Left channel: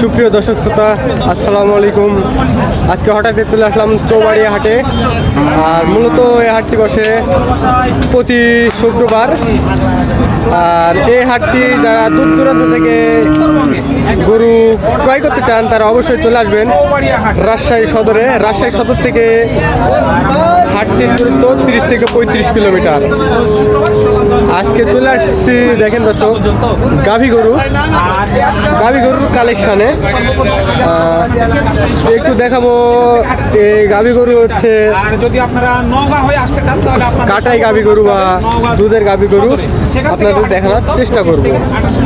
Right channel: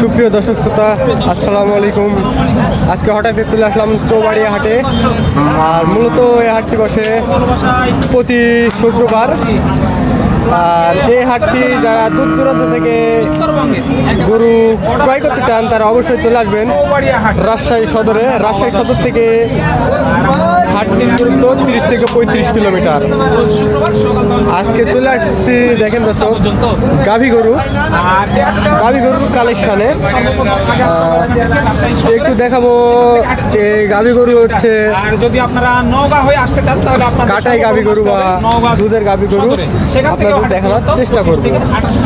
সুপ্রিয় দর্শক শ্রোতা, আসসালামু আলাইকুম। আজকে হঠাৎ চলে আসলাম চৌবাড়িয়া হাটে। আর মূলত এই হাটটি বসে প্রতি শুক্রবার। আর এই হাটটি যারা দূর দূরান্ত থেকে গরু ক্রয় করতে চান, তারা অবশ্যই চলে আসবেন রাজশাহী সদরে। রাজশাহী সদর থেকে হাটটির দূরত্ব তিরিশ থেকে পঁয়ত্রিশ কিলোমিটার। আজকে চলে আসছি, দেখেন দর্শক, গাভী গরু। গাভী গরুর কালেকশানে একটু দেখাবো এই গাভী গরু হচ্ছে কাটাই গাভী গরু বা দুধের গাভী গরু আপনাদের দেখানোর চেষ্টা করব।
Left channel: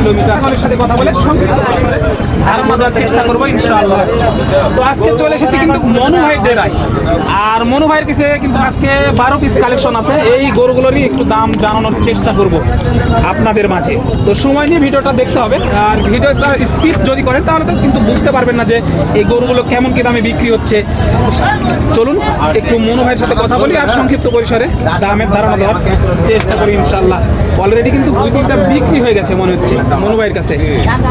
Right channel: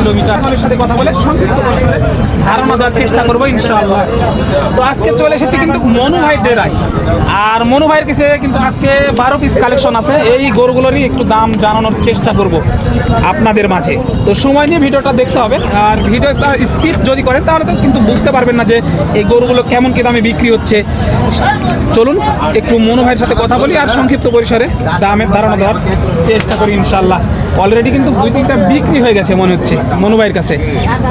কিলোমিটার। আমাদের সাথে কথা বলে সংক্ষিপ্ত দেওয়ার চেষ্টা করব, ইনশাআল্লাহ। তো আজকে চলে এসেছি কিন্তু মনু ভাইয়ের ডেরায় আর মনু ভাইয়ের কাছে কিন্তু আজকে বারো পিস কালেকশন আছে। এই গরুগুলোরই একটু দাম জানানোর চেষ্টা করব আপনাদের মাঝে। তো সময় নিয়ে ভিডিওটা দেখতে হবে। আর ভিডিওটা স্কিপ যদি করেন, তাহলে তো কিন্তু বুঝতে পারবেন না যে এই গরুগুলো কেমন কি দামে বিক্রি হচ্ছে। চলুন, একটু মনু ভাইয়ের সাথে কথা বলি আর সংক্ষিপ্ত পরিসরে দামের ধারণা দেওয়ার চেষ্টা করি ইনশাল্লাহ অলরেডি কিন্তু দুই তিনটা বিক্রি হয়ে গেছে, মনে হচ্ছে। মনু ভাইয়ের কাছে।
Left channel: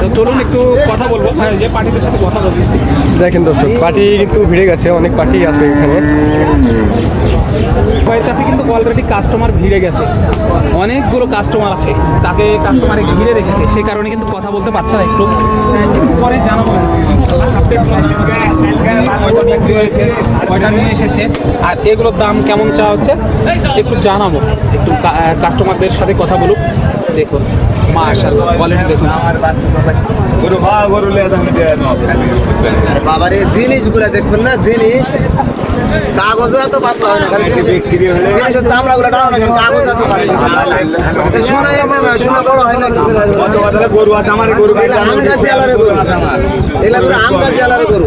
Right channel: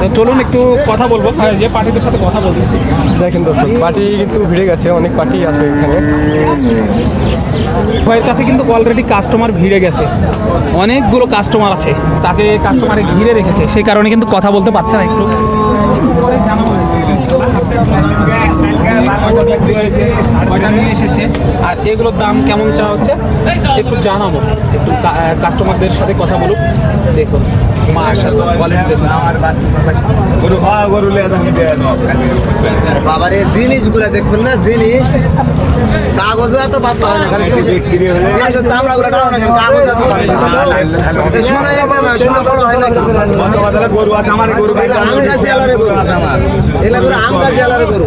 তো চলুন একটু কথা বলব। যে পার্টিদের সাথে কথা বলতেছি। দেখেন দর্শক পার্টি কিন্তু ভিড়ে গেছে অনেক পার্টি আছে এখানে। ভাইয়ের কাছে কিন্তু অলরেডি কাস্টমার ভিড়ে গেছে। অনেকগুলো কাস্টমার আছে। তাকে কাস্টমারে ঘিরে রেখেছে। সেই কারণে কিন্তু কথা বলতে পারছে না একটু। পরে জানাব কয়টা আর নিয়ে এসেছে। আর এগুলোর দাম কেমন চা হচ্ছে? একটু জানাব। একটু কাস্টমারদের সাথে কথা বলুক। দেখুন। বাবারে জিনিসগুলো দেখবেন না জিনিস। কাগজও এত পাতলা হয় না কারণ বিক্রি হলে জিনিসের চামড়া গুলো টানো না কেন কাগজ এত পাতলা। শোনা না শোনা বড় হয় না। গরু আছে আমার গরু এগুলো আমরা। জেলারে গরু।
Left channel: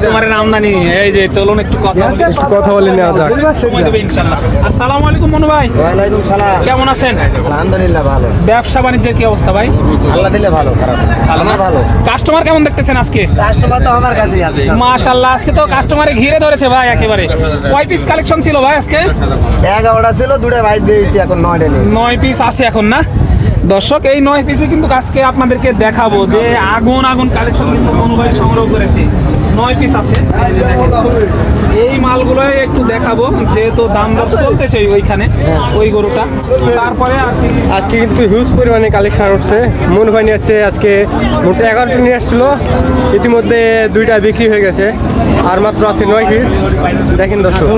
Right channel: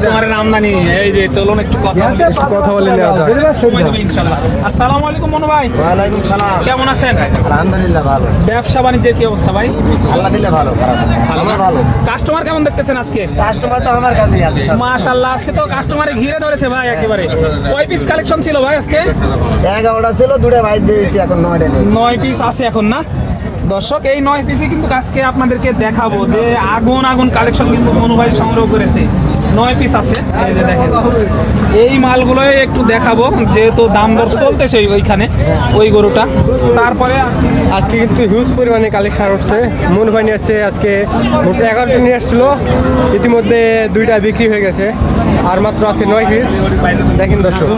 কাস্টমার। ধরো ক্যামেরা ধরো কাস্টমারের আমদানি এই যে চলুন একটু কথা বলি। কথা বলে নেওয়া যাক। সময় দেবে ইনশাআল্লাহ আসসালামু আলাইকুম মনু ভাই। ওয়ালাইকুম সালাম। কেমন আছেন? আলহামদুলিল্লাহ ভালো। ব্যবসা বাণিজ্যের কি অবস্থা ভাই? আল্লাহ দিলে ভালো খারাপ আমার ভালো। কাস্টমার কেমন দেখতেছেন আজকে? কাস্টমার তো আমার কাছেই আছে মাশাআল্লাহ আজকে তো কাস্টমারে ঘিরে ধরেছে ভাই একেবারে। কয় পিস কালেকশন ছিল ভাই আজকে? এগারোটা ছিল দুটো দিয়েছি এখন নয়টা নেই। নয় পিস আছে এখন না? দর্শক এই নয় পিসে কিন্তু আজকে আপনাদেরকে দেখাবো যে আগুন আগুন কালেকশন কিন্তু অনুবাই সংগ্রহ করেছে। নয় পিস আছে এই মালগুলোই একটু দেখাবো যেহেতু দাম দর চলতেছে ওইখানে ওই গরুটা। তারপরে আজকে কিন্তু হিউজ পরিমাণে কালেকশন উঠছে। মন ভাই নিয়ে আসছে আজকে মোট এগারোটা নিয়ে আসছিল। ইতিমধ্যে দুইটা বিক্রি হয়ে গেছে। আর মাত্র আছে নয় পিস দেখেন দর্শক।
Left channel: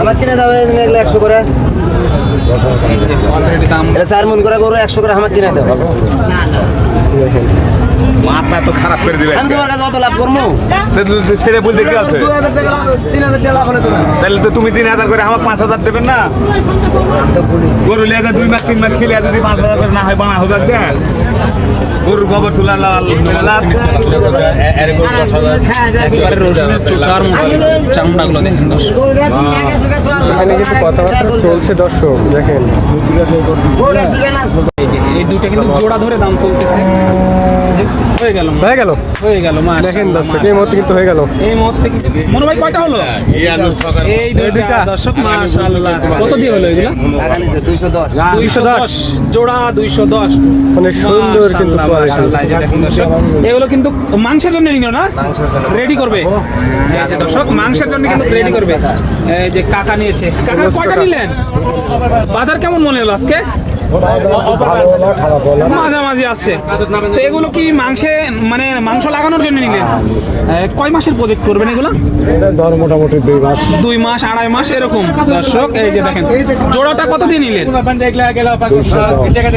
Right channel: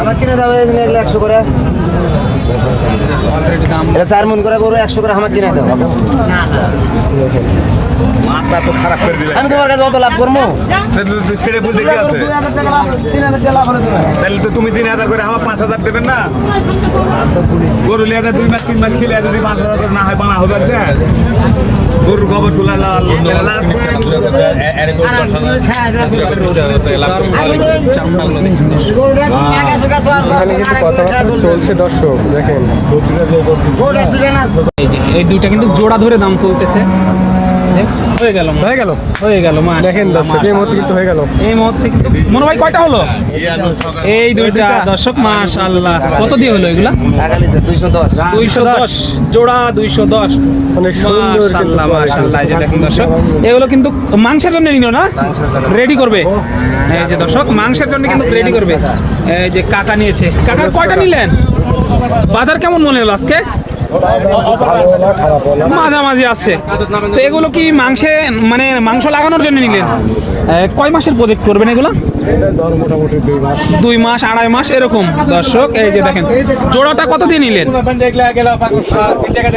আমার কিনে এগুলো একশো করে। দাম এটা চার মন করে গরু একশো করে আমার কিনে দেবো দেখেন মাথা তো খারাপ করে দিবে আমি তোমার কাছে কত লাভ করব? ছেড়ে বলতে কি আছে। তাহলে তো তুমি তিন হাজার করে আমার পাঁচ হাজার দেবেন না? গরু লিয়ে দুই মাস তিন মাস খেলে যদি পাঁচ হাজার করে না হয় বানা হবে একটা গরুর গোবর তোলা লাল এখানে কিন্তু কথাবার্তা চলছে দর্শক দেখেন। এই যে এই দুইটা কিন্তু জোড়া ধরে দাম চলতেছে। হয়ে গেল হয়ে গেল? হয়ে গেল দেখেন দর্শক এই মুহূর্তে কিন্তু হয়ে গেল। এই মুহূর্তে মনে ভাই কয়টা হলো? এই দুইটা। দর্শক মাশাআল্লাহ। কত দিয়ে হলো এগুলা? দুইশো দশ। দুইশো দশ জোড়া দুইশো দশ। অনেক সুন্দর কিন্তু কোয়ালিটি এগুলো কিন্তু মাংসের জন্য নিল না? রেডি করবে? এই যে দর্শক মাংসের জন্য কিন্তু রেডি করবে। এই যে কাকা নিয়েছে। কাকা কয়টা নিলেন? বাজার কেমন মনে হলো আজকে? মাঝামাঝি আছে। তো এগুলো কি মাংসে মানে মাংস লাগানোর জন্য নিলেন? কয় মাসের প্রজেক্ট করবেন এগুলো? দুই মাস। আড়াই মাস এরকম। দর্শক এই যে দেখেন জোড়াটা কত দিয়ে নিলেন?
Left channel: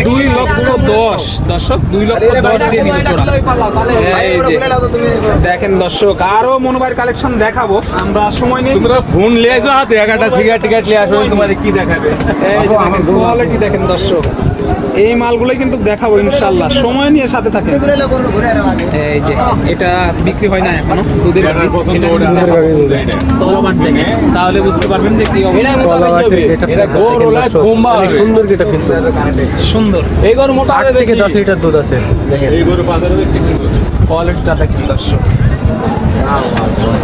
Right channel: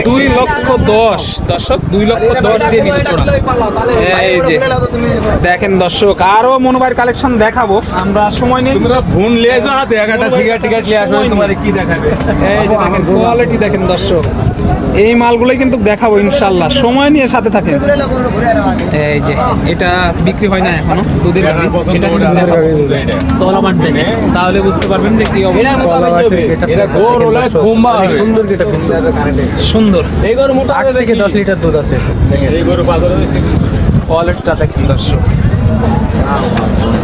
দুই লক্ষ দশ। দর্শক দুই লক্ষ দশ দিয়ে নিলেন জোড়া। এই যে দেখেন দর্শক আরও মনোবাইর কালেকশন দেখাবো। আমরা সময় নিয়ে তোমরা ফোন লিয়ে যাও হাতে একটা টিকিট টিকিট আসবে তোমার কি দেখাবে? এই যে দেখেন কোয়ালিটি দেখেন দর্শক। এই মালগুলোই কিন্তু দেখাবো ইনশাল্লাহ। সময় নিয়ে সাথে থাকে এই যে এটা বিক্রি হয় না এখনও দুধের গাভী। এটা তাহলে বুঝতে পারবেন যে কি অবস্থা। সুন্দর কিন্তু। সুন্দর। আট থেকে দশ লিটার দুধ আছে দেখেন। এই গরু বাজারে কোয়ালিটিটা দেখেন দর্শক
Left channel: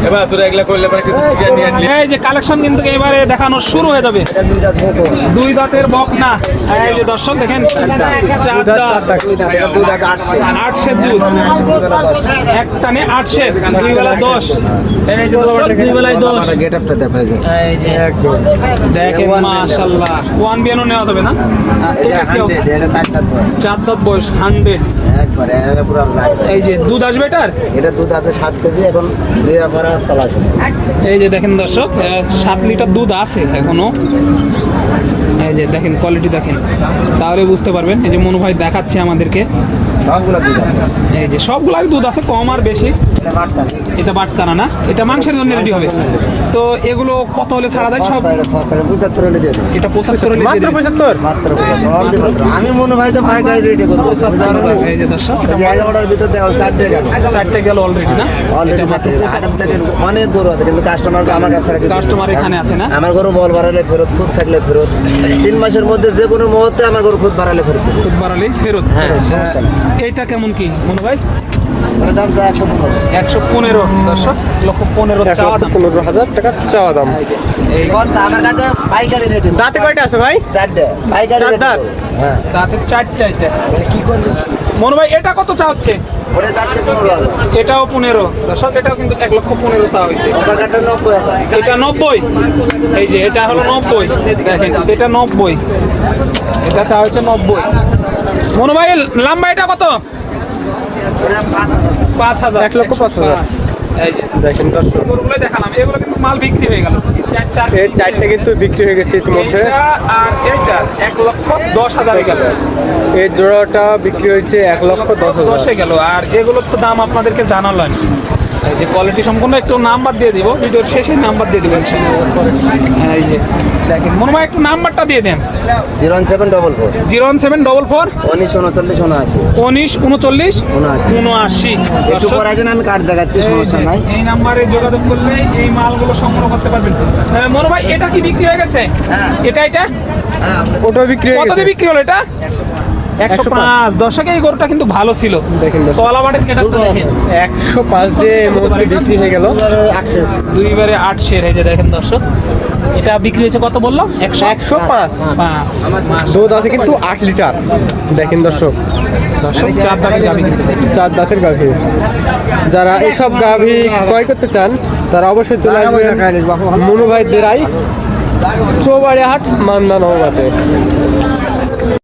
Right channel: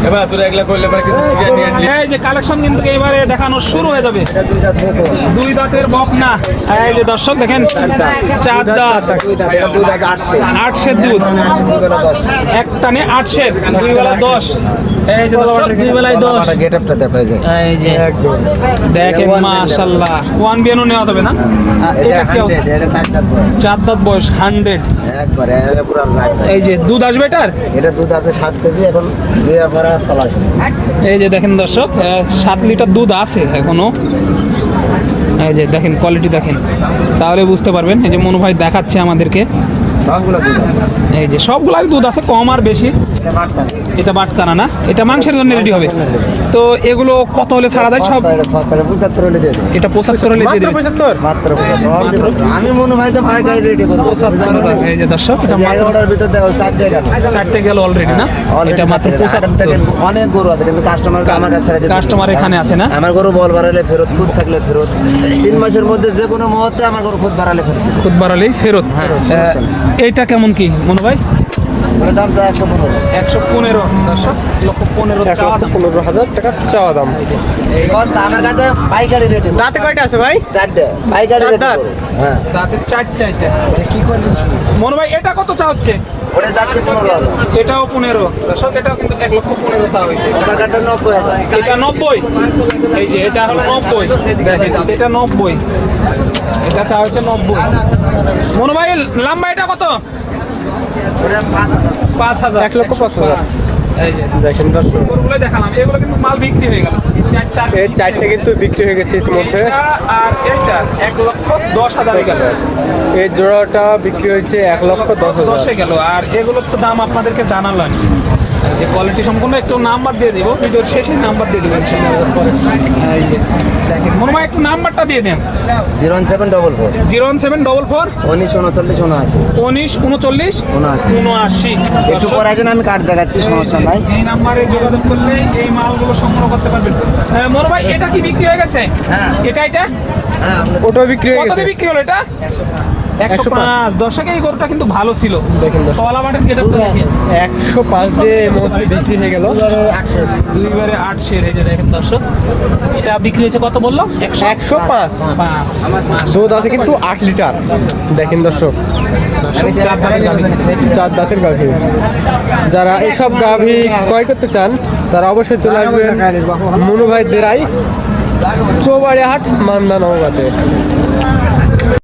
এবার তোরা এগুলা করলে পরে কিছু শিখিয়ে নিয়ে এই যে কালেকশন কিন্তু এবারে দেখানো শুরু হয়ে যাবে। দুই দাঁতের বক না। এই যে দর্শক দেখেন চার দাঁত আটশো দুধ। দুই দশ একটা দুই বেলা দশ। এই যে দর্শক, দুই বেলায় দশ। গেট দেখা যায় এই যে একদম দেখেন মাশাল্লাহ ওয়ান বিয়ানো নেওয়া যাবে না? এটা চার দাঁত বয়স হান্ড্রেড। একবারে পুরো এই যে দুধ আসবে এটার? এটা দুধ আছে কেজি, এখন দুয়া ভরা তলা এই যে দেখেন দর্শক সাত লিটার দুধ আছে এখনও। এই যে দেখেন কোয়ালিটি দেখেন। তাহলে বুঝতে পারবেন, এই যে মনু ভাই দেখাচ্ছে আমাদেরকে। এই যে সবগুলাই দুধ আছে কম আর বেশি। এটা বাটকানা না? এটা মাংসের জন্য রেডি হবে। তো এগুলো কত হলে ছাড়া যায়? সব এটা পঁচাত্তর হলে মাত্র পঁচাত্তর। আমি মনে হয় তো রেটে করব। এই যে দর্শক এই যে এগারোটার ভিতর দেখো চারটে গেল। চারটে গেল অলরেডি না? এটা মাত্র পঁচাত্তর। অনেক গরু আছে কিন্তু কাস্টমার আমার কাছে কাস্টমার এখানে আছে না? আমার গরু বল বাড়ালে ফেরত খুদ থাকলে ফেরত। তিন মাসের মধ্যে যে কোনো মুহূর্তে আমার গরু খুদ বাড়ালে ফেরত দিবে। খুব বাড়ালেই ফেরত। হ্যাঁ, এইটা কেমন কি মনু ভাই দাম একশো পনেরো একশো পনেরো হাজার টাকা চাওয়া দাম দাঁতে কয়টা আছে ভাই দাঁত? হ্যাঁ চারটা এটা কি করব মনু ভাই এটা কত চাচ্ছে এটাও পনেরো দর্শক এটাও কিন্তু এক লক্ষ পনেরো চাওয়া হয়েছে নব্বই এটা নব্বই এই যে এটা হলো নব্বই এটা নব্বই এটা চা হচ্ছে নব্বই মনু ভাই লম্বা এটা কত? পাঁচ হাজার। এক লক্ষ পাঁচ হাজার। এই দেখেন দর্শক। দেখালাম। এগুলো কিন্তু মাল বিক্রি হয়ে গেল। এই চারটা চারটে কিন্তু বিক্রি হয়ে গেছে ইতিমধ্যে। আর এইটা এক লক্ষ দশ হাজার গেল। এই জোড়াটা বিক্রি হয়েছে এক লক্ষ দশ হাজার। গেল। আর এগুলোর তো দাম আপনাদেরকে জানালাম। যে কোয়ালিটি সম্পূর্ণ একটু নাম্বার দিয়ে দিব। ভিডিওর শেষে নাম্বার দিয়ে দিবেন এই যে মনে হয় একটু নাম্বারটা দিয়ে দেন। Zero one seven double four zero one seven double four উনিশ উনচল্লিশ উনআশি। উনিশ উনচল্লিশ? উনআশি। উনআশি। একটু পরে আমি কার্ড দেখাচ্ছি সমস্যা নাই। এই নাম্বারে যোগাযোগ করলে এই মালগুলো সংগ্রহ করতে পারবেন। হ্যাঁ, মোর ভাই এটা কি বিক্রি হয়ে গেছে? হ্যাঁ। এটা এটা? ওটাও বিক্রি হয়ে গেছে। বিক্রি হলো এটা? একশো পাঁচ। পাঁচ দর্শক এই গরুটা কিন্তু ভালো ছিল। দেখেন দর্শক। তলাবাটের দেখেন। একশো পাঁচ দিয়ে এই মুহূর্তে বিক্রি হয়ে গেল। দুইবারে আট শের এই যে দেখেন দর্শক। এটা বিক্রি হয়েছে কত বলল? একশো পাঁচ। দুধ আছে কিন্তু আট লিটার। দেখেন দর্শক। চার দাঁতের গাভী। যারা এইসব গাভী ক্রয় করতে চান তারা অবশ্যই চলে আসবেন মনু ভাই দেরাই চৌবাড়ি হাট মান্দা নওগাতে।